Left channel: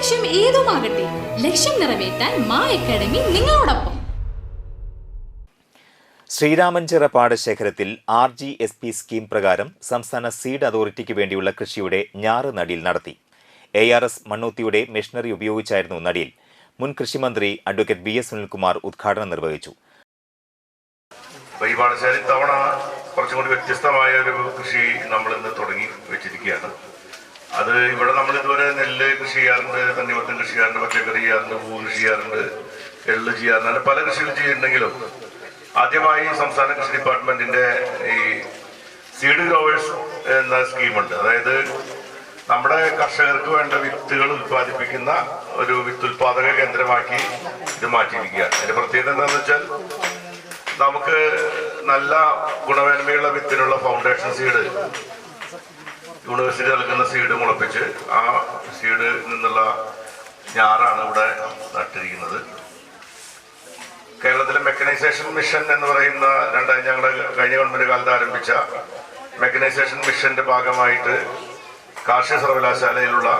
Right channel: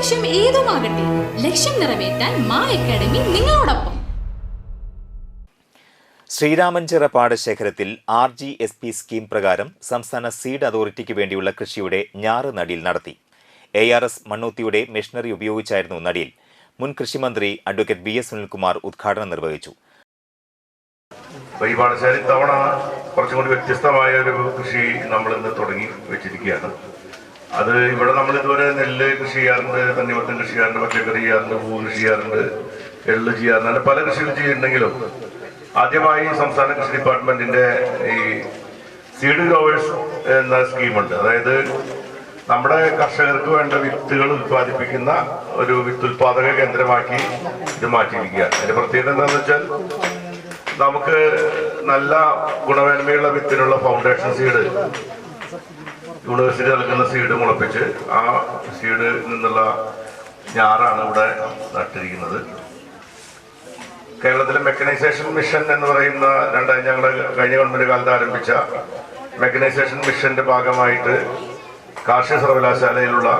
ലക്ഷ്യം ഏതുമാകട്ടെ ലക്ഷ്യം നിറവേറ്റാൻ മാ അക്കാഡമി നിങ്ങളോടൊപ്പം. Sreeramanchira പാടശേഖരത്തിൽ R G S P scheme പ്രകാരം സംസ്ഥാന സീഡ് അതോറിറ്റിക്ക് വേണ്ടിയുള്ള കൃഷിയുടെ ഞാറ് നടീൽ നടത്തി. എ ആർ എസ് മണ്ണൂത്തിയുടെ മെഷീനറി ഉപയോഗിച്ചായിരുന്നു നടീൽ. മുൻ കൃഷിമന്ത്രി അഡ്വക്കേറ്റ് ബി എസ് സുനിൽകുമാർ ഉദ്ഘാടനം നിർവഹിച്ചു. ഈ പാടശാല ഇത്തവണ കുറച്ചും കൂടി വ്യത്യസ്തമായ ഒരു കൃഷി നമ്മൾ ഇന്ന് തുടങ്ങി വെച്ചിരിക്കുകയാണ്. അത് ഇവിടെ നമ്മൾ ഇതുവരെ നെല്ല് കൃഷി ചെയ്യാറുണ്ട് തണ്ണിമത്തം കൃഷി ചെയ്യാറുണ്ട് പച്ചക്കറി ചെയ്യാറുണ്ട് പൂ കൃഷി ചെയ്യാറുണ്ട് എള്ള് ചെയ്യാറുണ്ട് അങ്ങനെ പല കൃഷികൾ ചെയ്യുന്നുണ്ടെങ്കിലും ആദ്യമായി സംസ്ഥാന കൃഷി ഡിപ്പാർട്ട്മെന്റിന്റെ ഈ സീഡ് ഗ്രോവേഴ്സ് എന്ന സ്കീമുണ്ട്. അതായത് നമ്മുടെ കർഷകർക്ക് വേണ്ട വിത്തുകൾ ഉത്പാദിപ്പിക്കുന്ന ഒരു വിത്ത് ഉത്പാദക കേന്ദ്രമാക്കി ഇത് മാറ്റിയിരിക്കുകയാണ്. അതിന്റെ പ്രത്യേകത എന്താണെന്ന് വെച്ചാൽ നമുക്ക് നല്ല ഗുണമേന്മയുള്ള വിത്തിനുള്ള ഫൗണ്ടേഷൻ സീഡ് യൂണിവേഴ്സിറ്റി നൽകുന്ന സീഡ് മുളപ്പിച്ച് ആ സീഡ് നിന്നുള്ള ഞാറാണ് ഇവിടെ നട്ടിരിക്കുന്നത്. കേരളത്തിലെ മെക്കനൈസേഷൻ മിഷൻ എന്ന് പറയുന്ന രണ്ടായി ഞങ്ങളുടെ കഴിഞ്ഞ ഗവൺമെന്റ് കാലത്ത് ആരംഭിച്ച മെക്കനൈസേഷൻ മിഷന്റെ ഭാഗമായിട്ട് കാർഷിക സർവകലാശാലയിലുള്ള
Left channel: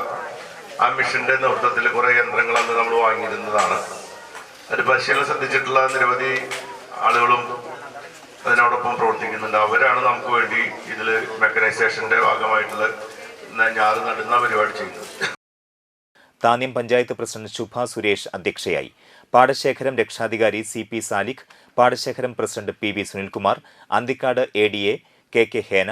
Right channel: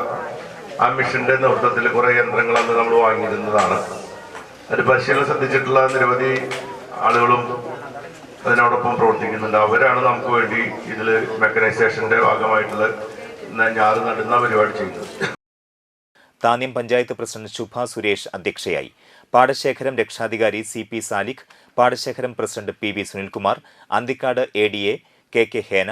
ആ മിഷന്റെ നേതൃത്വത്തിൽ കുറേ യന്ത്രങ്ങൾ അന്ന് നമ്മൾ വാങ്ങിയിരുന്നതാണ്. അതിന് പരിശീലനം ശ്രദ്ധിച്ചിട്ടുള്ള നിരവധി ആളുകളും അതിനോടൊപ്പം പ്രവർത്തിക്കുന്നുണ്ട്. അവരാണ് നമുക്ക് വേണ്ടി ഇതിൽ മെക്കനൈസേഷന്റെ ഭാഗമായിട്ടുള്ള ഞാറ് നടുന്ന പരിപാടി ചെയ്യുന്നത്. താന്യം പഞ്ചായത്ത് പ്രസിഡന്റ് ശുഭ സുരേഷ് അധ്യക്ഷയായി. പാടശേഖരം രക്ഷാധികാരി C P Saliq പാടശേഖരം president P V Sunilkumar Anthikad A D A K K Hena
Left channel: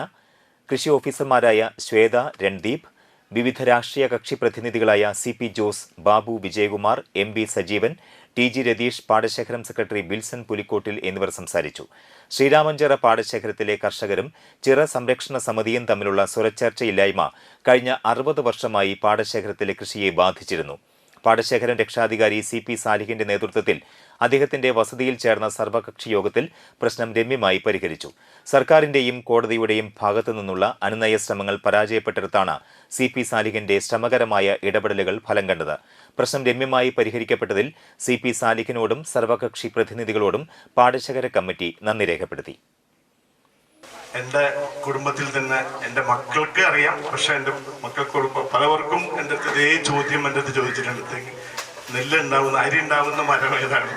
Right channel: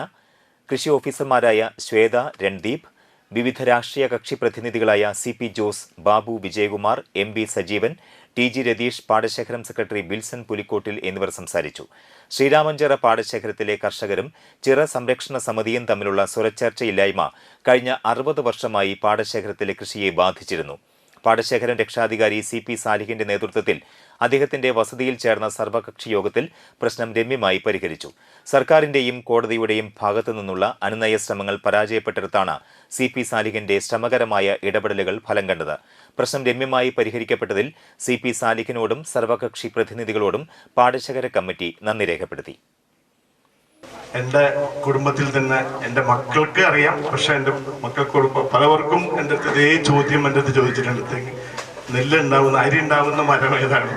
കൃഷി ഓഫീസർമാരായ ശ്വേത രൺദീപ് വിവിധ രാഷ്ട്രീയ കക്ഷി പ്രതിനിധികളായ C P Jose Babu Vijayakumar M B Sajeevan T G Ratheesh പാടശേഖരം secretary Bilson Pulikottil എന്നിവർ സംസാരിച്ചു. ശ്രീരാമഞ്ചിറ പാടശേഖരത്തിലെ കർഷകരും ചിറ സംരക്ഷണ സമിതിയും തമ്മിലുള്ള സ്വരച്ചേർച്ചയില്ലായ്മ കഴിഞ്ഞ അറുപത് വർഷമായി പാടശേഖരത്തിലെ കൃഷിയെ ബാധിച്ചിരുന്നു. പാടശേഖരം രക്ഷാധികാരി സി പി സാലിഹിന്റെ നേതൃത്വത്തിൽ അദ്ദേഹത്തിന്റെ വസതിയിൽ ചേർന്ന സർവകക്ഷി യോഗത്തിൽ പ്രശ്നം രമ്യമായി പരിഹരിച്ചു. സർക്കാരിന്റെയും കോടതിയുടെയും ഭാഗത്തു നിന്നുള്ള അനുനയ ശ്രമങ്ങൾ പരാജയപ്പെട്ടിടത്താണ് സി പി സാലിഹിന്റെ ശ്രമകരമായ ഇടപെടലുകൾ ഫലം കണ്ടത്. പ്രശ്നം രമ്യമായി പരിഹരിക്കപ്പെട്ടതിൽ സി പി സാലിഹിനോടും സർവകക്ഷി പ്രതിനിധികളോടും പാടശേഖര കമ്മിറ്റി നന്ദി രേഖപ്പെടുത്തി. എന്റെ കുടുംബത്തിൽ തന്നെ എന്റെ മക്കൾക്ക് അറിയാം. പക്ഷെ എന്റെ മക്കൾക്ക് പലവർക്കും എന്റെ അടുത്ത് ഇതേ ചോദ്യം എന്റെ അടുത്ത് ചോദിച്ചിട്ടുണ്ട്. നെല്ല് ഉണ്ടാവുന്ന അരി ഉണ്ടാവുന്ന മരം ഏതാണ്?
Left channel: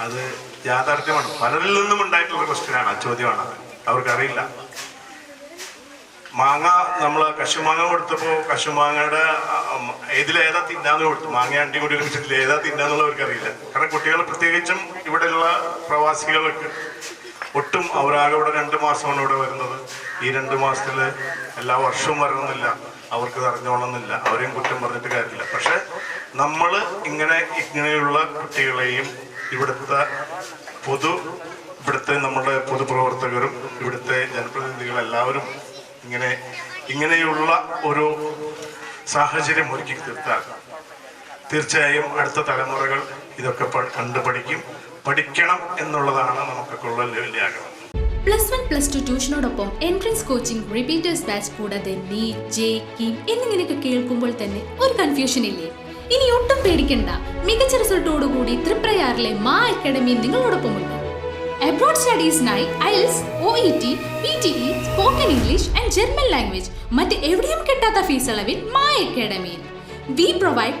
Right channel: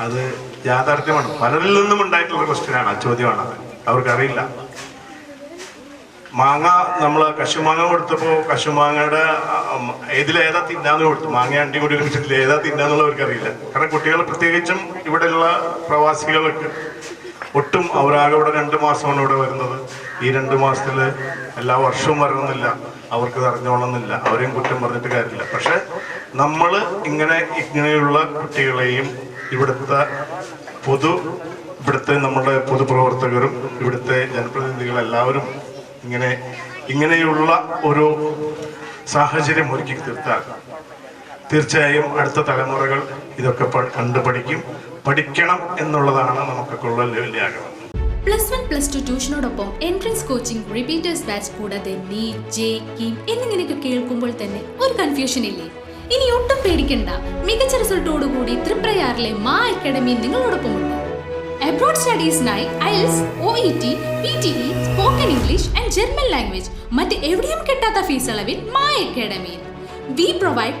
അത് യാഥാർത്ഥ്യമാണ്. പലരിൽ നിന്നും ഉണ്ടായിട്ടുള്ള ക്വസ്റ്റ്യനാണ്. ആ ചോദ്യമാണ് അവർക്കറിയില്ല മാങ്ങ നമ്മൾ കശുമാങ്ങ കൊടുത്തപ്പോ കശുമാങ്ങയുടെ ഏതിലേതാ തിന്നാന്ന് കൊടുത്തു. മാങ്ങ അണ്ടി കൂടി ഒരുമിച്ചിട്ടില്ല ഏതാ തിന്നാന്നുള്ളവർക്ക് അറിയില്ല. കാരണം കുട്ടികൾ പ്രത്യേകിച്ചും ഇവിടെയുള്ള പ്രവാസികൾക്ക് ഒട്ടും അവരാകെ ഇവിടെ രണ്ട് മാസമാണ് ഇവിടെ വരുന്നത്. ഈ രണ്ട് മാസത്തിൽ എല്ലാ വർഷവും വരണമെന്നില്ല അവർക്ക് അറിഞ്ഞോളണമെന്നില്ല. അവരെയും കുറ്റം പറഞ്ഞിട്ട് കാര്യമില്ല. പക്ഷെ നമ്മൾ ഇങ്ങനെ ഇങ്ങനെയുള്ള കുട്ടികളെയും ഇവിടുത്തെ പൊതു ഇവിടുത്തെ നമ്മുടെ പൊതുപ്രവർത്തകരും ഇവിടുത്തെ ജനപ്രതിനിധികൾ എല്ലാവരും ഇങ്ങനെ ഇങ്ങനെയുള്ള ഒരു സാഹചര്യം ഒരുക്കി തീർത്താൽ തീർച്ചയായും അടുത്ത തലമുറകൾ ഇതൊക്കെ പ- കണ്ടു പഠിക്കും പഠിക്കണം എന്നുള്ളതാണ് നമുക്കൊക്കെ ഉള്ള വലിയ ആഗ്രഹം. പ്ലസ് വൺ പ്ലസ് ടു ട്യൂഷനോടൊപ്പം എൻട്രൻസ് കോച്ചിംഗ് റിപ്പീറ്റേഴ്സ് ബാച്ച് കൂടാതെ നീറ്റ് ജെ കീം എന്നിങ്ങനെയൊക്കെ കേൾക്കുമ്പോൾ തന്നെ ഒരു കൺഫ്യൂഷൻ ഇല്ലേ? ഇനി ഒട്ടും പേടിക്കണ്ട. മികച്ച റിസൾട്ടോടുകൂടി തൃപ്രയാറിലെ മാ അക്കാഡമി നിങ്ങളോടൊപ്പമുണ്ട്. Abroad സ്റ്റഡീസിനായി IELTS O E T P T E spoken English and German language മറ്റ് എവിടെയും കിട്ടാത്ത ഫീസ് അളവിൽ മാ അക്കാഡമിയിൽ. We provide